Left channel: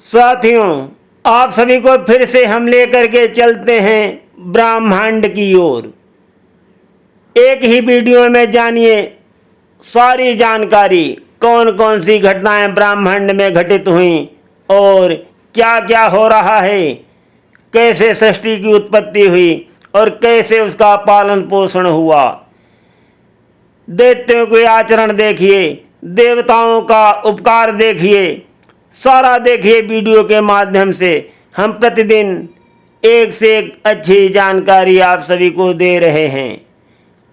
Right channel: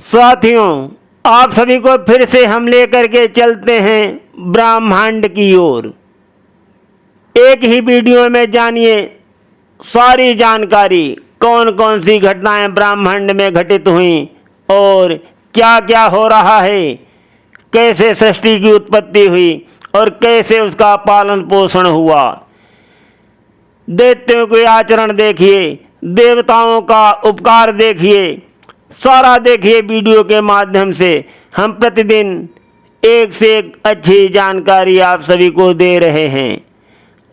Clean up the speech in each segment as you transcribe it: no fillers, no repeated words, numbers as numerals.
साथियों, आप सभी को फिर से हम लेकर के चलते हैं ब्रह्मांड की ओर। एक ही वीडियो में जानिए सारी जानकारी, कौन कौन सी घटनाएं ब्रह्मांड में घटित हुई और क्या क्या हो रहा है, कैसे सृष्टि की उत्पत्ति हुई और कैसे उसका पालन पोषण हुआ। दैत्यों के आचरण देखिए, देवताओं का उपकार देखिए, सारा देखिए वीडियो के माध्यम से। हम प्रतिदिन एक से एक अच्छी जानकारी आप सभी को दे रहे हैं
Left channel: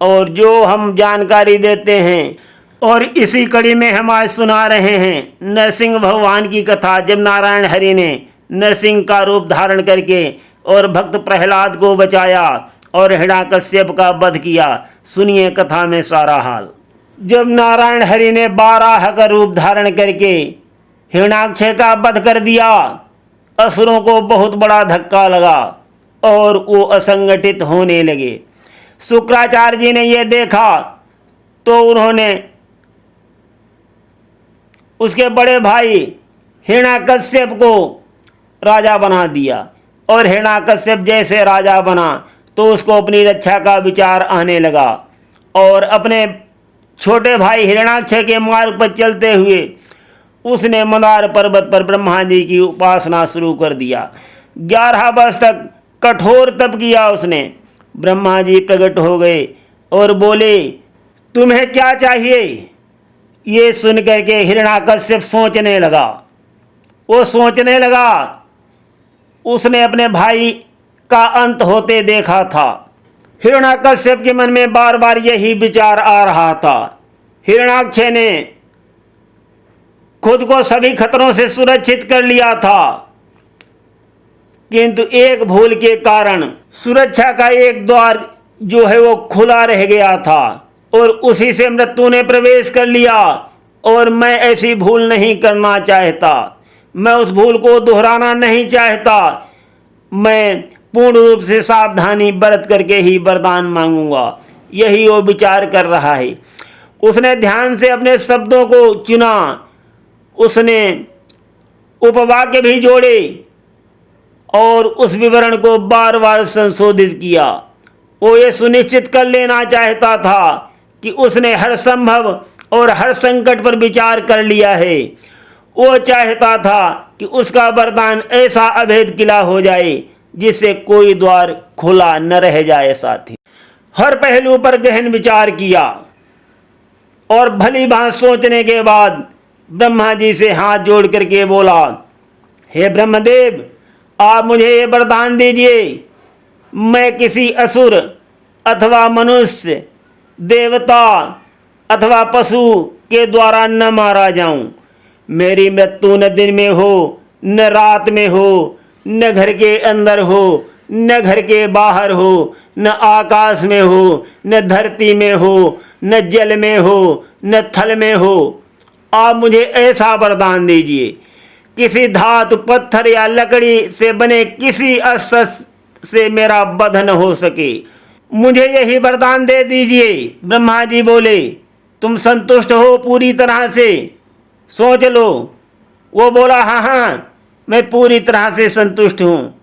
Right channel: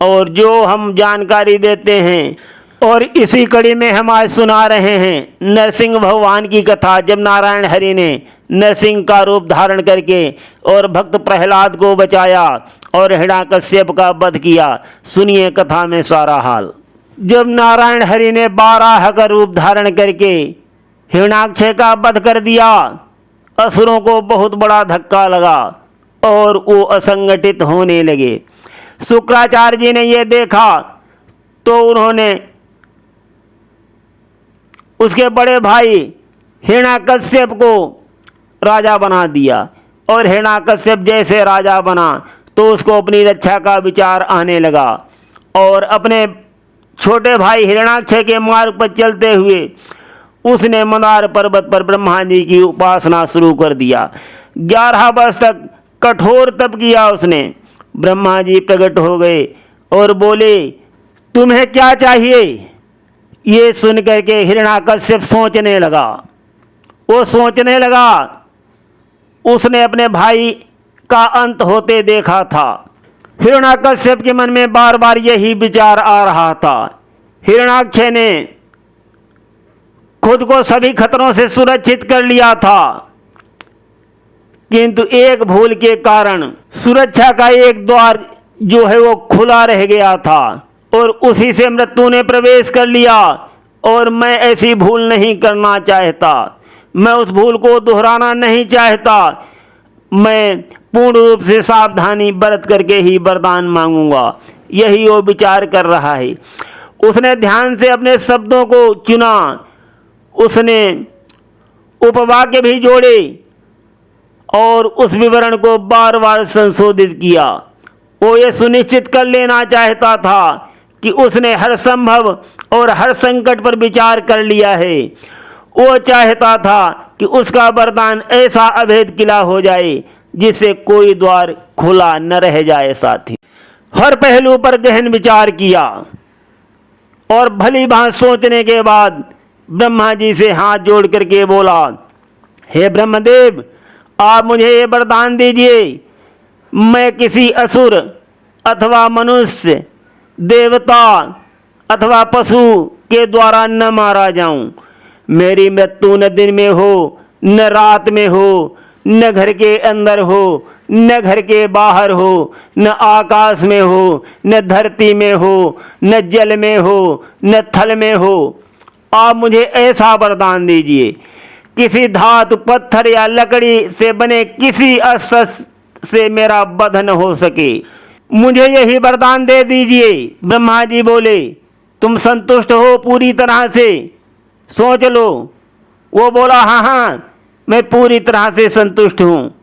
और जो हम जानकारी देते हैं और इसी कड़ी में हम आज सुना रहे हैं नरसिंह भगवान की कथा, जब नारायण हरि ने नरसिंह का रूप धारण करके और भक्त प्रहलाद को बचाया और हिरण्याकश्यप का वध किया। सुनिए कथा में सारा हाल। जब नारायण हरि ने 12 का रूप धारण करके हिरण्याक्ष का वध कर दिया, असुरों को बहुत बड़ा धक्का लगा और वो असंगठित होने लगे। शुक्राचार्य जी ने यह देखा तो उन्होंने उसके बड़े भाई हिरण्याकश्यप को राजा बना दिया और हिरण्याकश्यप जैसे राजा बना तो उसको अपनी रक्षा का विचार आने लगा और अपने छोटे भाई हिरण्याक्ष के मार्ग पर चलते हुए उसने मंदार पर्वत पर ब्रह्मा जी की उपासना शुरू कर दिया। 11 वर्ष तक कठोर तप किया उसने। ब्रह्मा जी प्रकट हो गए और बोले, तुम्हें क्या चाहिए? ये सुन करके हिरण्याकश्यप सोचने लगा। वो सोचने लगा, उसने अपने भाई का अंत होते देखा था। हिरण्याकश्यप के मन में बार बार यही विचार आ रहा था। हिरण्याक्ष ने खुद को सभी खतरों से सुरक्षित कर लिया था, किंतु एक भूल के कारण सुरक्षा का एक द्वार जो है वो खुला रह गया था और उसी से मृत्यु ने प्रवेश कर लिया। और मैं ऐसी भूल नहीं करना चाहता, मैं उस भूल को दोहराना नहीं चाहता। मैं पूर्ण रूप से सावधानी बरत करके ही वरदान मांगूंगा, यही वो विचार कर रहा है। उसने ध्यान से अपने शब्दों को चुना, उसने उपवाक्य भी जोड़े और उस विवरण को बार बार संशोधित किया। वो ये सुनिश्चित कर लेना चाहता था कि उसने हर संभव और हर संकट पर विचार कर लिया है। वो चाहता था कि उसका वरदान ऐसा अभेद किला हो जाए जिससे कोई द्वार खुला न रह जाए। साथी, हर पहलू पर गहन विचार किया और भली भांति सोचने के बाद ब्रह्मा जी से हाथ जोड़ करके बोला, हे ब्रह्मदेव, आप मुझे ये वरदान दीजिए, मैं किसी असुर अथवा मनुष्य, देवता अथवा पशु के द्वारा न मारा जाऊं। मेरी मृत्यु न दिन में हो, न रात में हो, न घर के अंदर हो, न घर के बाहर हो, न आकाश में हो, न धरती में हो, न जल में हो, न थल में हो। आप मुझे ऐसा वरदान दीजिए, किसी धातु, पत्थर या लकड़ी से बने किसी अस्त्र से मेरा वध न हो सके। मुझे यही वरदान दे दीजिए। ब्रह्मा जी बोले, तुम संतुष्ट हो पूरी तरह से? सोच लो। वो बोला, हाँ हाँ, मैं पूरी तरह से संतुष्ट हूँ,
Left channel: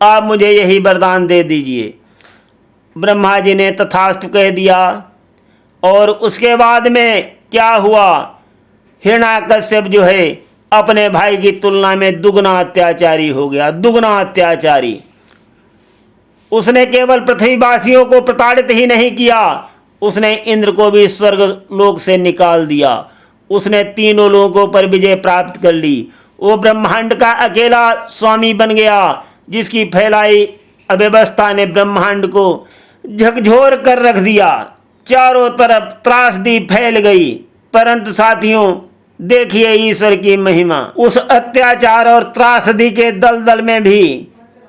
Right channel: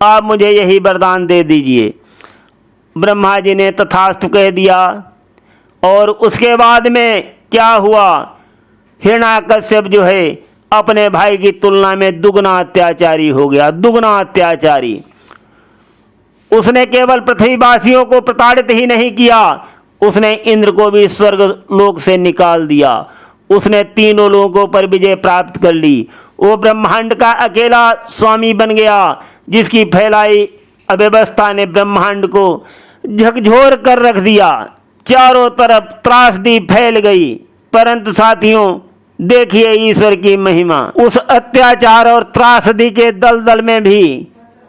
आप मुझे यही वरदान दे दीजिए। ब्रह्मा जी ने तथास्तु कह दिया। और उसके बाद में क्या हुआ, हिरण्याकश्यप जो है अपने भाई की तुलना में दुगना अत्याचारी हो गया, दुगना अत्याचारी। उसने केवल पृथ्वीवासियों को प्रताड़ित ही नहीं किया, उसने इंद्र को भी स्वर्ग लोक से निकाल दिया। उसने तीनों लोगों पर विजय प्राप्त कर ली। वो ब्रह्मांड का अकेला स्वामी बन गया, जिसकी फैलाई अव्यवस्था ने ब्रह्मांड को झकझोर कर रख दिया। चारों तरफ त्रासदी फैल गई। परंतु साथियों, देखिए ईश्वर की महिमा। उस अत्याचार और त्रासदी के दलदल में भी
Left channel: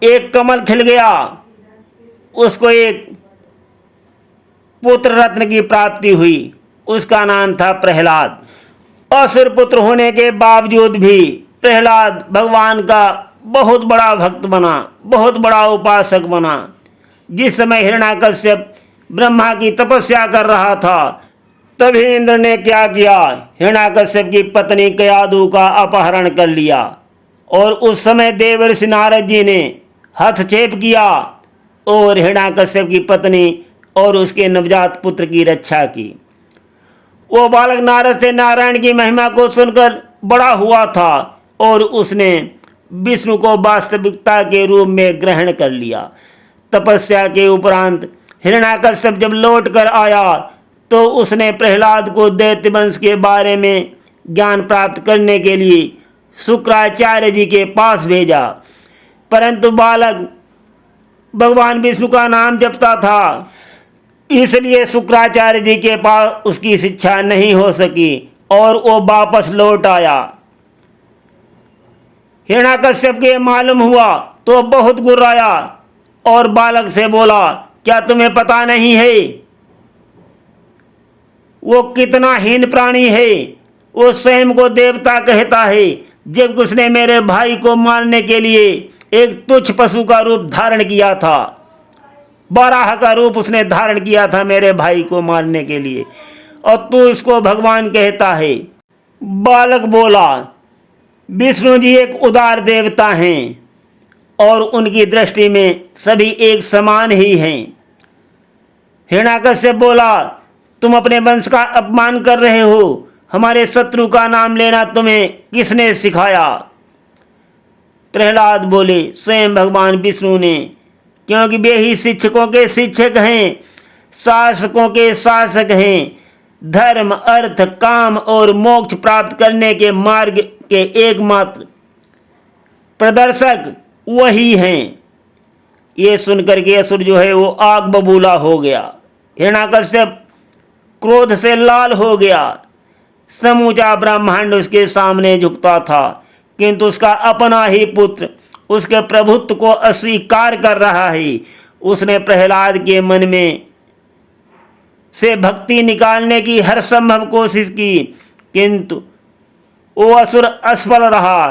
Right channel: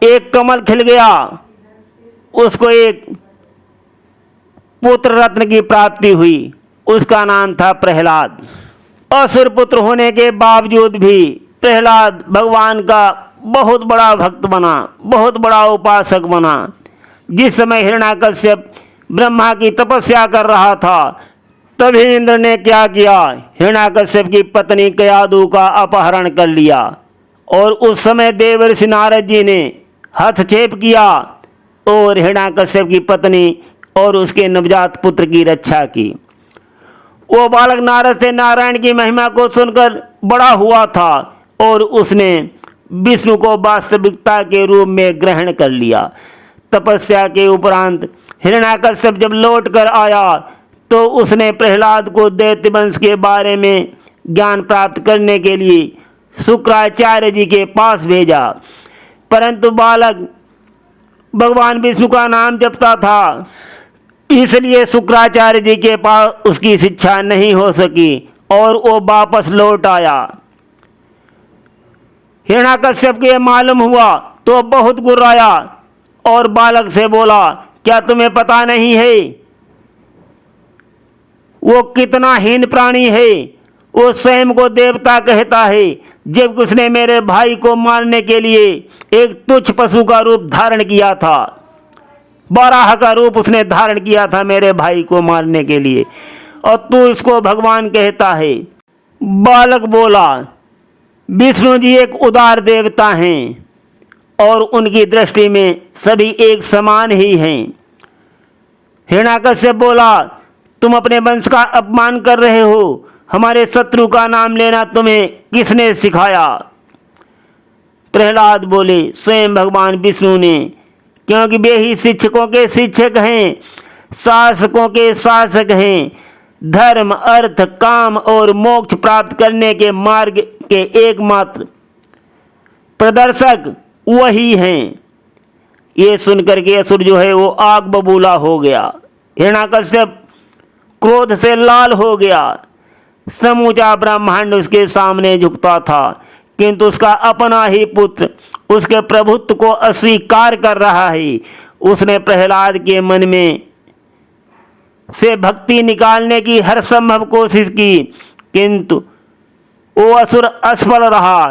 एक कमल खिल गया। उसको एक पुत्र रत्न की प्राप्ति हुई, उसका नाम था प्रहलाद। असुर पुत्र होने के बावजूद भी प्रहलाद भगवान का बहुत बड़ा भक्त बना, बहुत बड़ा उपासक बना। जिस समय हिरण्याकश्यप ब्रह्मा की तपस्या कर रहा था, तभी इंद्र ने क्या किया, हिरण्याकश्यप की पत्नी कयादु का अपहरण कर लिया और उस समय देवर्षि नारद जी ने हस्तक्षेप किया और हिरण्याकश्यप की पत्नी और उसके नवजात पुत्र की रक्षा की। वो बालक नारद से नारायण की महिमा को सुनकर बड़ा हुआ था और उसने विष्णु को वास्तविकता के रूप में ग्रहण कर लिया। तपस्या के उपरांत हिरण्याकश्यप जब लौट कर आया तो उसने प्रहलाद को दैत्य वंश के बारे में ज्ञान प्राप्त करने के लिए शुक्राचार्य जी के पास भेजा, परंतु बालक भगवान विष्णु का नाम जपता था, इसलिए शुक्राचार्य जी के पास उसकी शिक्षा नहीं हो सकी और वो वापस लौट आया। हिरण्याकश्यप के मालूम हुआ तो बहुत गुर्राया और बालक से बोला, क्या तुम्हें पता नहीं है वो कितना हीन प्राणी है? वो स्वयं को देवता कहता है, जब उसने मेरे भाई को मारने के लिए एक तुच्छ पशु का रूप धारण किया था, बाराह का रूप उसने धारण किया था मेरे भाई को मारने के लिए, और तू उसको भगवान कहता है। बालक बोला, विष्णु जी एक उदार देवता हैं और उनकी दृष्टि में सभी एक समान ही हैं। हिरण्याकश्यप बोला, तुम अपने वंश का अपमान कर रहे हो, हमारे शत्रु का नाम लेना तुम्हें किसने सिखाया? प्रहलाद बोले, स्वयं भगवान विष्णु ने, क्योंकि वे ही शिक्षकों के शिक्षक हैं, शासकों के शासक हैं, धर्म अर्थ काम और मोक्ष प्राप्त करने के मार्ग के एकमात्र प्रदर्शक वही हैं। ये सुनकर के असुर जो है वो आग बबूला हो गया। हिरण्याकश्यप क्रोध से लाल हो गया। समूचा ब्रह्मांड उसके सामने झुकता था, किंतु उसका अपना ही पुत्र उसके प्रभुत्व को अस्वीकार कर रहा है। उसने प्रहलाद के मन में से भक्ति निकालने की हर संभव कोशिश की, किंतु वो असुर असफल रहा।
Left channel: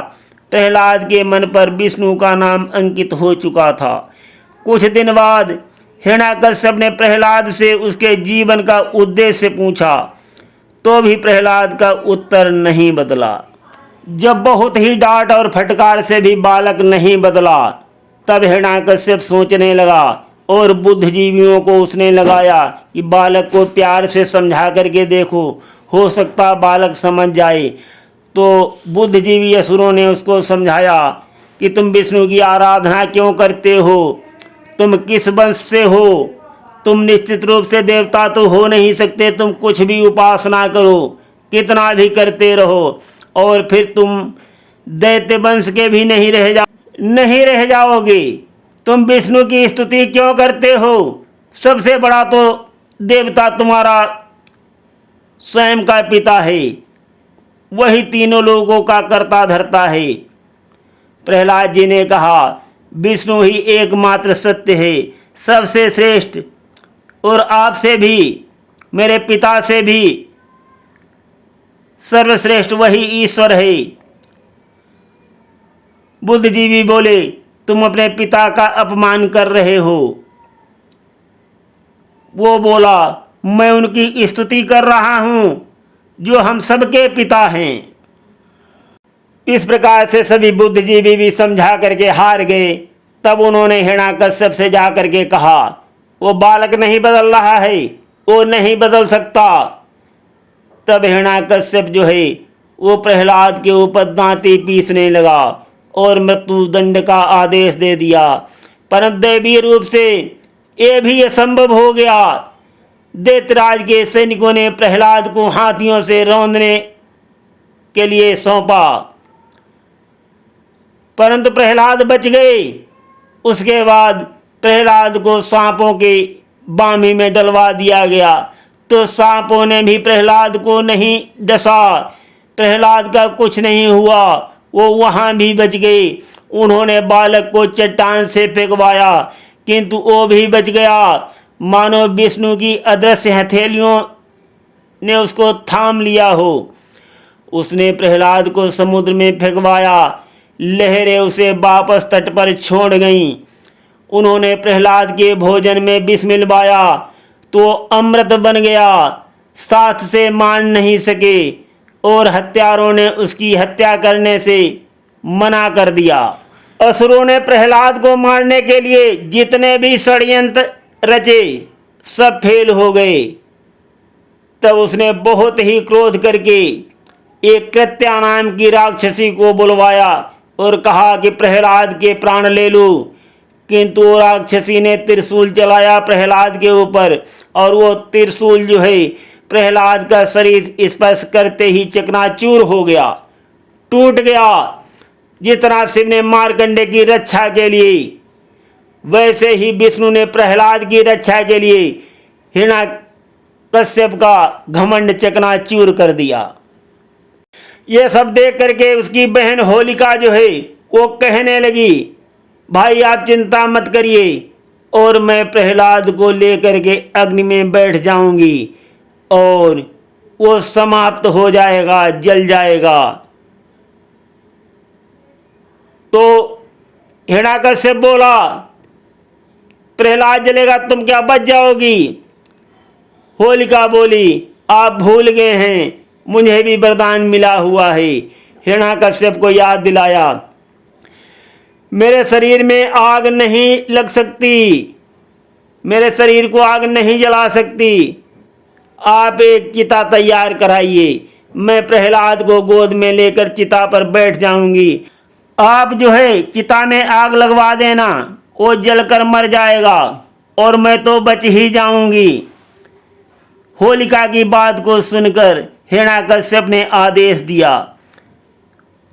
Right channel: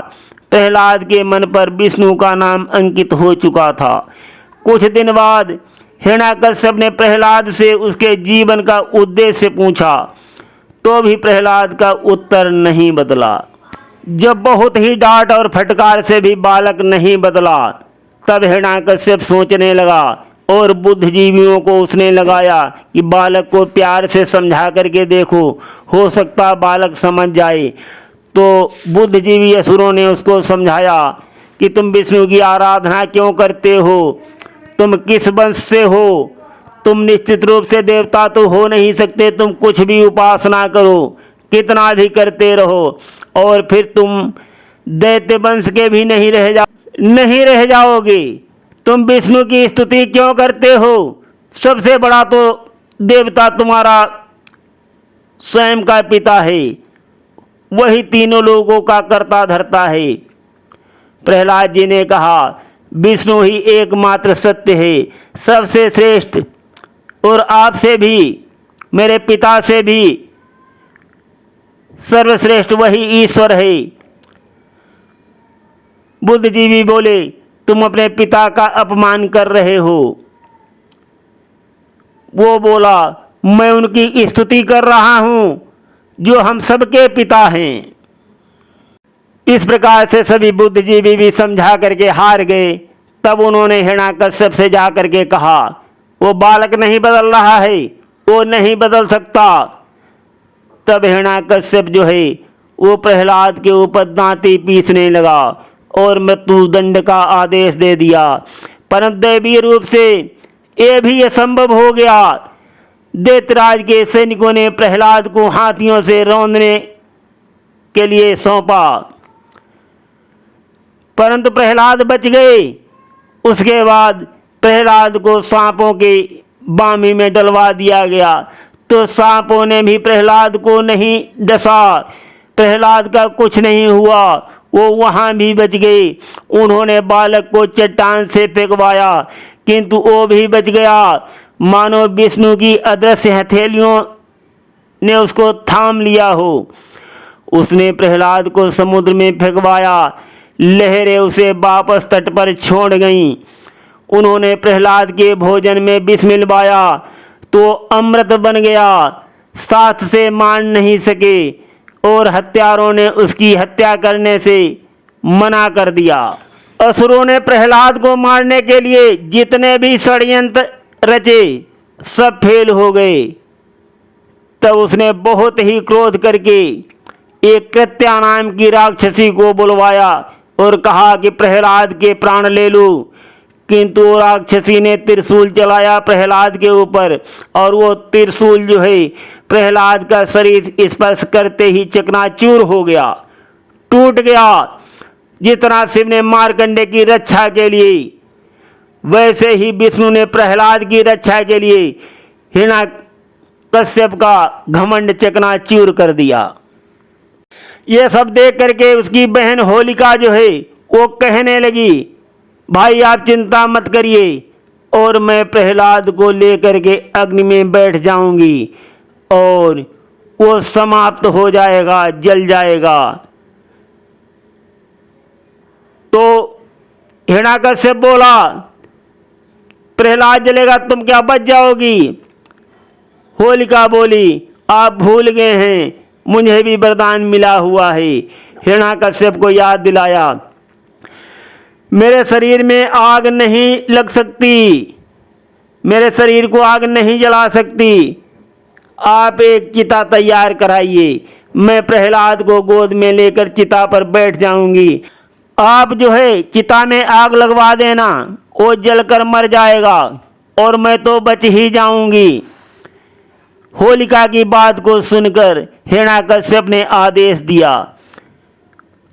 प्रहलाद के मन पर विष्णु का नाम अंकित हो चुका था। कुछ दिन बाद हिरण्याकश्यप ने प्रहलाद से उसके जीवन का उद्देश्य पूछा, तो भी प्रहलाद का उत्तर नहीं बदला। जब बहुत ही डांट और फटकार से भी बालक नहीं बदला, तब हिरण्याकश्यप सोचने लगा और बुद्धिजीवियों को उसने लगाया कि बालक को प्यार से समझा करके देखो, हो सकता बालक समझ जाए। तो बुद्धिजीवी असुरों ने उसको समझाया कि तुम विष्णु की आराधना क्यों करते हो, तुम किस वंश से हो, तुम निश्चित रूप से देवता तो हो नहीं सकते, तुम कुछ भी उपासना करो, कितना भी करते रहो, और फिर तुम दैत्य वंश के भी नहीं रह जाओगे। तुम विष्णु की स्तुति क्यों करते हो? सबसे बड़ा तो देवता तुम्हारा स्वयं का पिता है, वही तीनों लोगों का कर्ता धर्ता है। प्रहलाद जी ने कहा, विष्णु ही एकमात्र सत्य है, सबसे श्रेष्ठ, और आपसे भी, मेरे पिता से भी सर्वश्रेष्ठ वही ईश्वर है। बुद्धिजीवी बोले, तुम अपने पिता का अपमान कर रहे हो। वो बोला, मैं उनकी स्तुति कर रहा हूं जो हम सबके पिता हैं। इस प्रकार से सभी बुद्धिजीवी भी समझा करके हार गए। तब उन्होंने हिरण्याकश्यप से जा करके कहा, वो बालक नहीं बदल रहा है, वो नहीं बदल सकता। तब हिरण्याकश्यप जो है वो प्रहलाद के ऊपर दांती पीसने लगा और मृत्युदंड का आदेश दे दिया, परंतु दैवीय रूप से ये भी असंभव हो गया। दैत्यराज के सैनिकों ने प्रहलाद को हाथियों से रौंदने के लिए सौंपा, परंतु प्रहलाद बच गए। उसके बाद प्रहलाद को सांपों के बामी में डलवा दिया गया, तो सांपों ने भी प्रहलाद को नहीं डसा। प्रहलाद का कुछ नहीं हुआ, वो वहाँ भी बच गए। उन्होंने बालक को चट्टान से फेंकवाया, किंतु वो भी बच गया। मानो विष्णु की अदृश्य हथेलियों ने उसको थाम लिया हो। उसने प्रहलाद को समुद्र में फेंकवाया, लहरें उसे वापस तट पर छोड़ गईं। उन्होंने प्रहलाद के भोजन में विष मिलवाया तो अमृत बन गया, साथ से मान नहीं सके और हत्यारों ने उसकी हत्या करने से मना कर दिया। असुरों ने प्रहलाद को मारने के लिए जितने भी षड्यंत्र रचे सब फेल हो गए। तब उसने बहुत ही क्रोध करके एक कृत्या नाम की राक्षसी को बुलवाया और कहा कि प्रहलाद के प्राण ले लो। किंतु वो राक्षसी ने त्रिशूल चलाया प्रहलाद के ऊपर और वो त्रिशूल जो है प्रहलाद का शरीर स्पर्श करते ही चकनाचूर हो गया, टूट गया। जितना शिव ने मार्कंडे की रक्षा के लिए, वैसे ही विष्णु ने प्रहलाद की रक्षा के लिए हिरण्यकश्यप का घमंड चकनाचूर कर दिया। ये सब देख करके उसकी बहन होलिका जो है वो कहने लगी, भाई आप चिंता मत करिए और मैं प्रहलाद को लेकर के अग्नि में बैठ जाऊंगी और वो समाप्त हो जाएगा, जल जाएगा। तो हिरण्यकश्यप बोला, प्रहलाद जलेगा तुम क्या बच जाओगी? होलिका बोली, आप भूल गए हैं, मुझे भी वरदान मिला हुआ है। हिरण्यकश्यप को याद दिलाया, मेरे शरीर में आग नहीं लग सकती, मेरे शरीर को आग नहीं जला सकती। आप एक चिता तैयार कराइए, मैं प्रहलाद को गोद में लेकर चिता पर बैठ जाऊंगी। आप जो है चिता में आग लगवा देना, वो जलकर मर जाएगा और मैं तो बच ही जाऊंगी। होलिका की बात को सुनकर हिरण्यकश्यप ने आदेश दिया।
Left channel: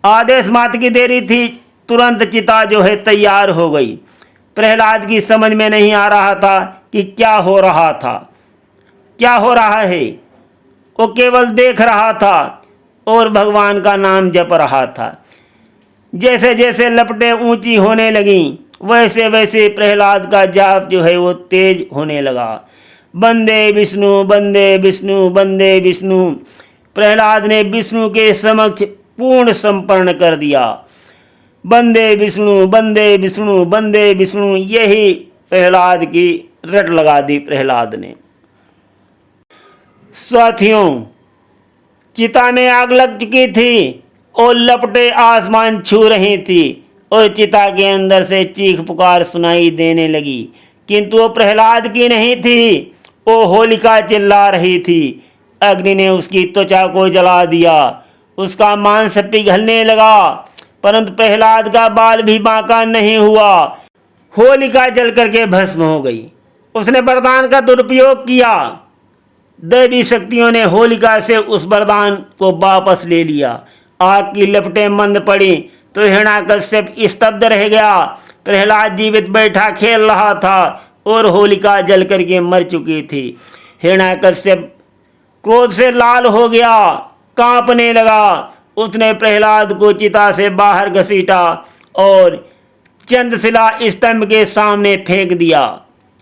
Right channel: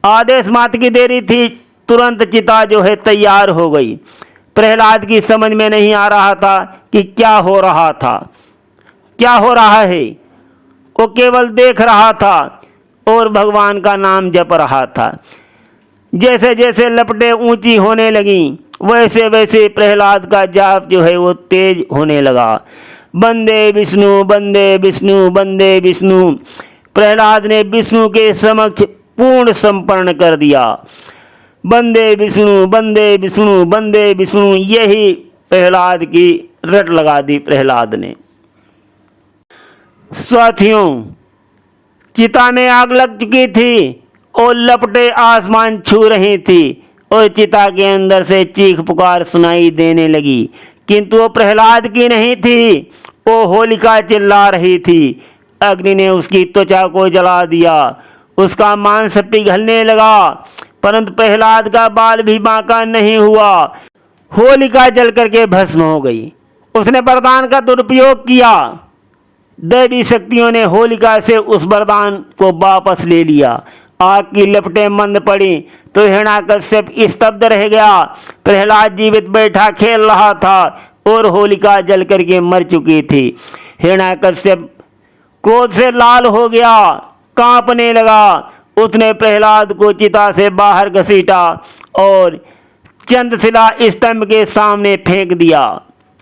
आदेश मात्र की देरी थी, तुरंत चिता जो है तैयार हो गई। प्रहलाद की समझ में नहीं आ रहा था कि क्या हो रहा था, क्या हो रहा है। वो केवल देख रहा था और भगवान का नाम जप रहा था। जैसे जैसे लपटें ऊंची होने लगीं वैसे वैसे प्रहलाद का जाप जो है वो तेज होने लगा। वंदे विष्णु वंदे विष्णु वंदे विष्णु। प्रहलाद ने विष्णु के समक्ष पूर्ण समर्पण कर दिया। वंदे विष्णु वंदे विष्णु वंदे विष्णु, यही प्रहलाद की रट लगा दी प्रहलाद ने। साथियों, चिता में आग लग चुकी थी और लपटें आसमान छू रही थी और चिता के अंदर से चीख पुकार सुनाई देने लगी, किंतु वो प्रहलाद की नहीं थी, वो होलिका चिल्ला रही थी। अग्नि ने उसकी त्वचा को जला दिया, उसका मांस पिघलने लगा, परंतु प्रहलाद का बाल भी बांका नहीं हुआ। होलिका जल करके भस्म हो गई। उसने वरदान का दुरुपयोग किया। दैवी शक्तियों ने होलिका से उस वरदान को वापस ले लिया। आग की लपटें मंद पड़ी तो हिरण्यकश्यप स्तब्ध रह गया। प्रहलाद जीवित बैठा खेल रहा था और होलिका जल करके मर चुकी थी। हिरण्यकश्यप क्रोध से लाल हो गया, कांपने लगा। उसने प्रहलाद को चिता से बाहर घसीटा और चंद्रशिला स्तंभ के सामने फेंक दिया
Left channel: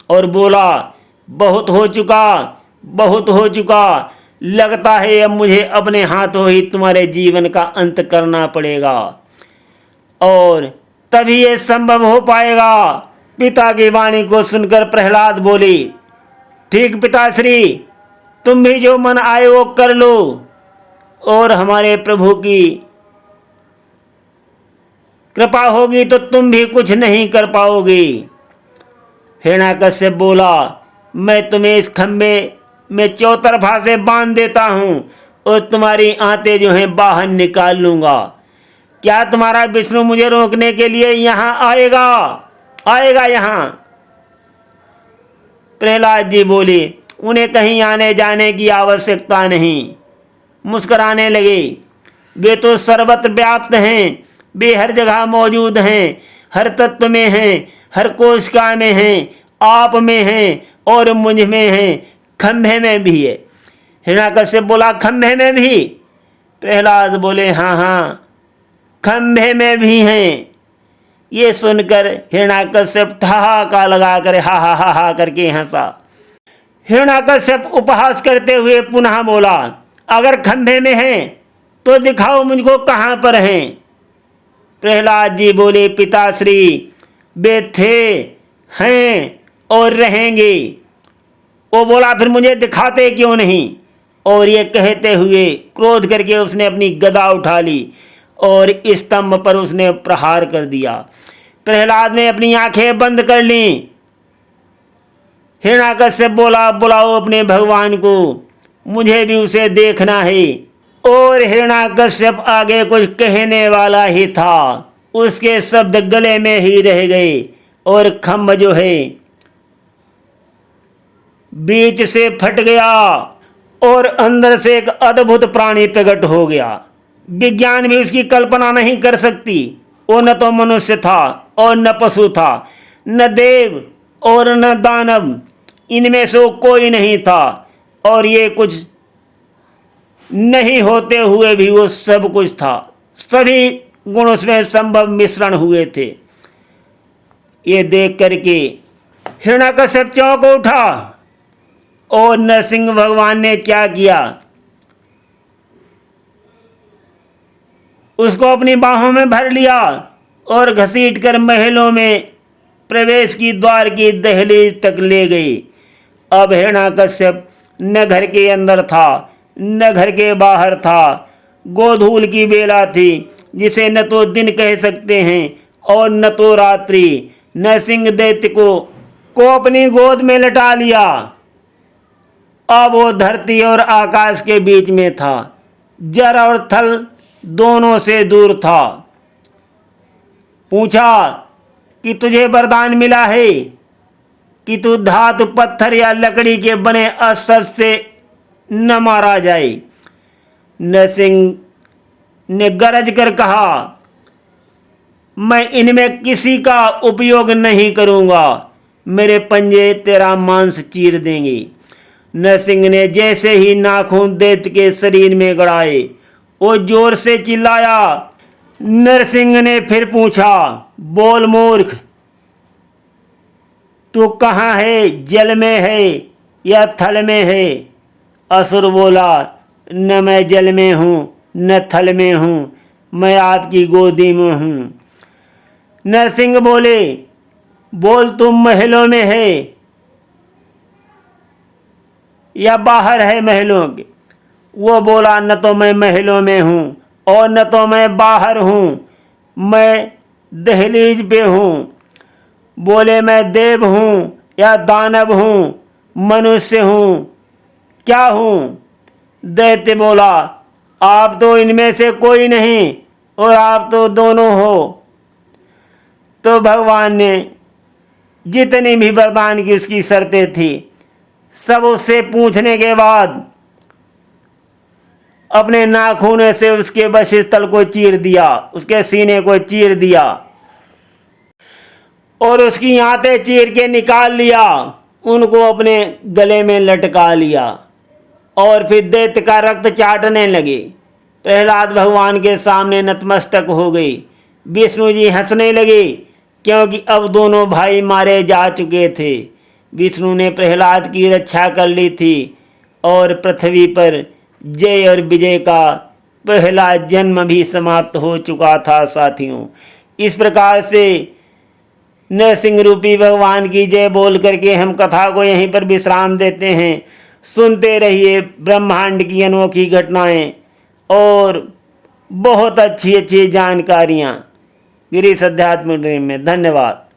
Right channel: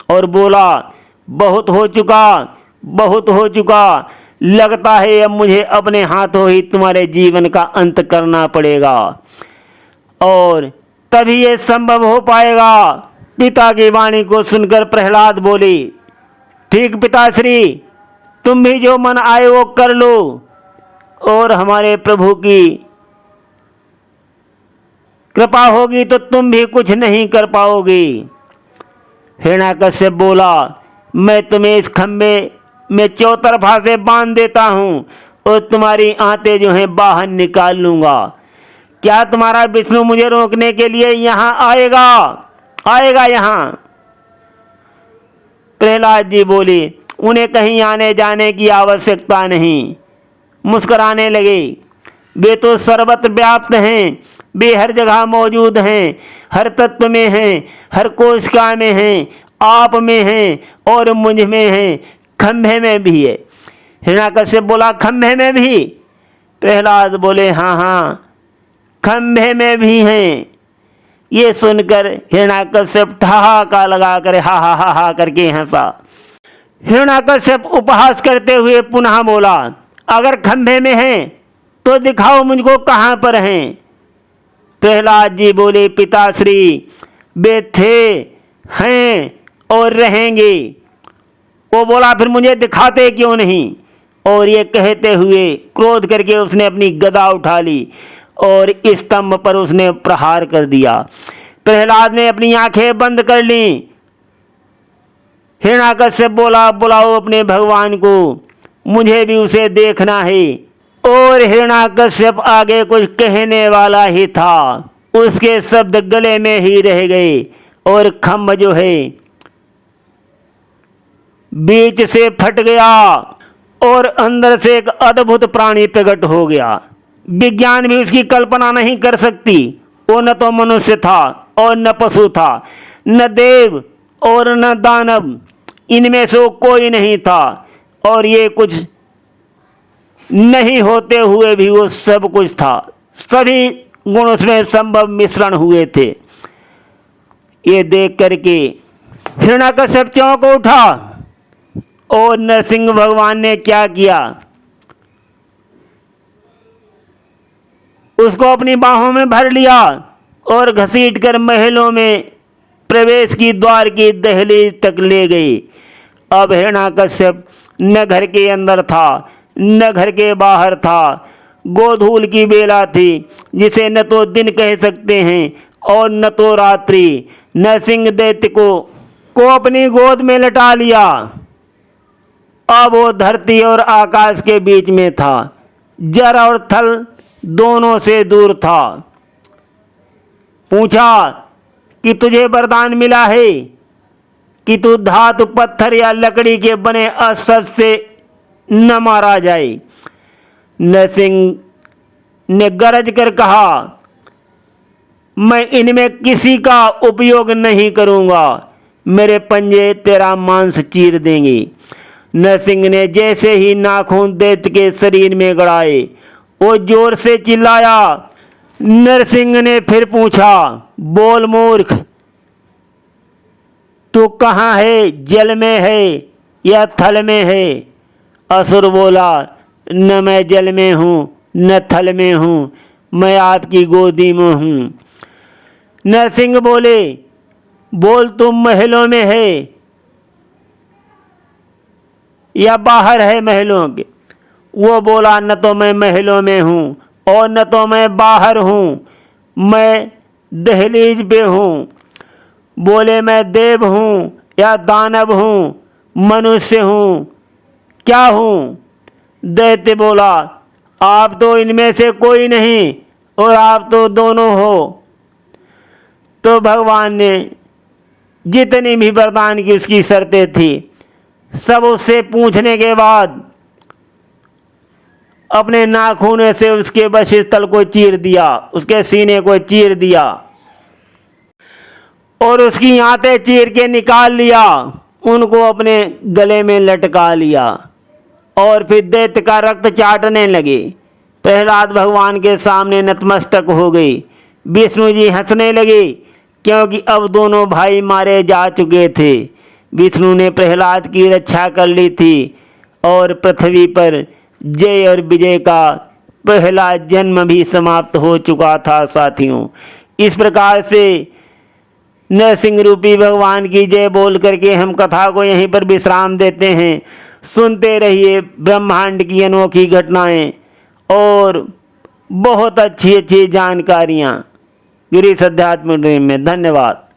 और बोला, बहुत हो चुका, बहुत हो चुका। लगता है अब मुझे अपने हाथों ही तुम्हारे जीवन का अंत करना पड़ेगा और तभी ये संभव हो पाएगा। पिता की वाणी को सुनकर प्रहलाद बोले, ठीक पिताश्री, तुम भी जो मन आए वो कर लो और हमारे प्रभु की कृपा होगी तो तुम भी कुछ नहीं कर पाओगे। हिरण्यकश्यप बोला, मैं तुम्हें इस खंबे में चौतरफा से बांध देता हूं और तुम्हारी आंतें जो हैं बाहर निकाल लूंगा। क्या तुम्हारा विष्णु मुझे रोकने के लिए यहां आएगा? आएगा यहां? प्रहलाद जी बोले, उन्हें कहीं आने जाने की आवश्यकता नहीं। मुस्कुराने लगे, वे तो सर्वत्र व्याप्त हैं, वे हर जगह मौजूद हैं, हर तत्व में हैं, हर कोशिका में हैं, आप में हैं और मुझ में हैं, खंभे में भी है। हिरण्यकश्यप बोला, खंभे में भी? प्रहलाद बोले, हाँ हाँ, खंभे में भी हैं। ये सुनकर हिरण्यकश्यप ठहाका लगाकर हा हा हा हा करके हंसा। हिरण्यकश्यप उपहास करते हुए पुनः बोला, अगर खंभे में हैं तो दिखाओ मुझको कहाँ पर हैं। प्रहलाद जी बोले, पिताश्री, वे थे, हैं और रहेंगे। वो बोला, फिर मुझे दिखाते क्यों नहीं? और ये कहते हुए क्रोध करके उसने अपनी गदा उठा ली और स्तंभ पर उसने प्रहार कर दिया। प्रहलाद ने अपनी आंखें बंद कर ली। हिरण्याकश्यप बोला, बुलाओ अपने भगवान को, मुझे भी उसे देखना है। और हिरण्याकश्यप आगे कुछ कहने वाला ही था, उसके शब्द गले में ही रह गए और खम्भ जो है बीच से फट गया और अंदर से एक अद्भुत प्राणी प्रकट हो गया। विज्ञान भी उसकी कल्पना नहीं कर सकती। वो न तो मनुष्य था और न पशु था, न देव और न दानव, इनमें से वो कोई नहीं था। और ये कुछ नहीं होते हुए भी वो सब कुछ था। सभी गुण उसमें संभव मिश्रण हुए थे। ये देख करके हिरण्याकश्यप चौंक उठा। और नरसिंह भगवान ने क्या किया, उसको अपनी बाहों में भर लिया और घसीटकर महलों में प्रवेश की द्वार की दहलीज तक ले गई। अब हिरण्याकश्यप न घर के अंदर था न घर के बाहर था। गोधूल की बेला थी, जिसे न तो दिन कह सकते हैं और न तो रात्रि। नरसिंह दैत्य को अपनी गोद में लटा लिया। अब वो धरती और आकाश के बीच में था, जल और थल दोनों से दूर था। पूछा कि तुझे वरदान मिला है कि तू धातु, पत्थर या लकड़ी के बने अस्त्र से न मारा जाए। नरसिंह ने गरज कर कहा, मैं इनमें किसी का उपयोग नहीं करूंगा, मेरे पंजे तेरा मांस चीर देंगे। नरसिंह ने जैसे ही नाखून दैत्य के शरीर में गड़ाए, वो जोर से चिल्लाया। नरसिंह ने फिर पूछा, बोल मूर्ख, तू कहाँ है, जल में है या थल में है? असुर बोला, न मैं जल में हूँ न थल में हूँ, मैं आपकी गोदी में हूँ। नरसिंह बोले, बोल तुम महलों में है या बाहर है महलों के? वो बोला, न तो मैं महलों में हूँ और न तो मैं बाहर हूँ, मैं दहलीज पे हूँ। बोले, मैं देव हूँ या दानव हूँ, मनुष्य हूँ, क्या हूँ? दैत्य बोला, आप तो इनमें से कोई नहीं और आप तो दोनों हो। तो भगवान ने जितनी भी वरदान की उसकी शर्तें थी, सब उससे पूछने के बाद अपने नाखून से उसके वक्षस्थल को चीर दिया, उसके सीने को चीर दिया और उसकी आंतें चीर के निकाल लिया, उनको अपने गले में लटका लिया और फिर दैत्य का रक्त चाटने लगे। प्रहलाद भगवान के सामने नतमस्तक हो गई। विष्णु जी हंसने लगे, क्योंकि अब दोनों भाई मारे जा चुके थे। विष्णु ने प्रहलाद की रक्षा कर ली थी और पृथ्वी पर जय और विजय का पहला जन्म भी समाप्त हो चुका था। साथियों, इस प्रकार से नरसिंह रूपी भगवान की जय बोल करके हम कथा को यहीं पर विश्राम देते हैं। सुनते रहिए ब्रह्मांड की अनोखी घटनाएं और बहुत अच्छी अच्छी जानकारियाँ गिरीश अध्यात्म में। धन्यवाद।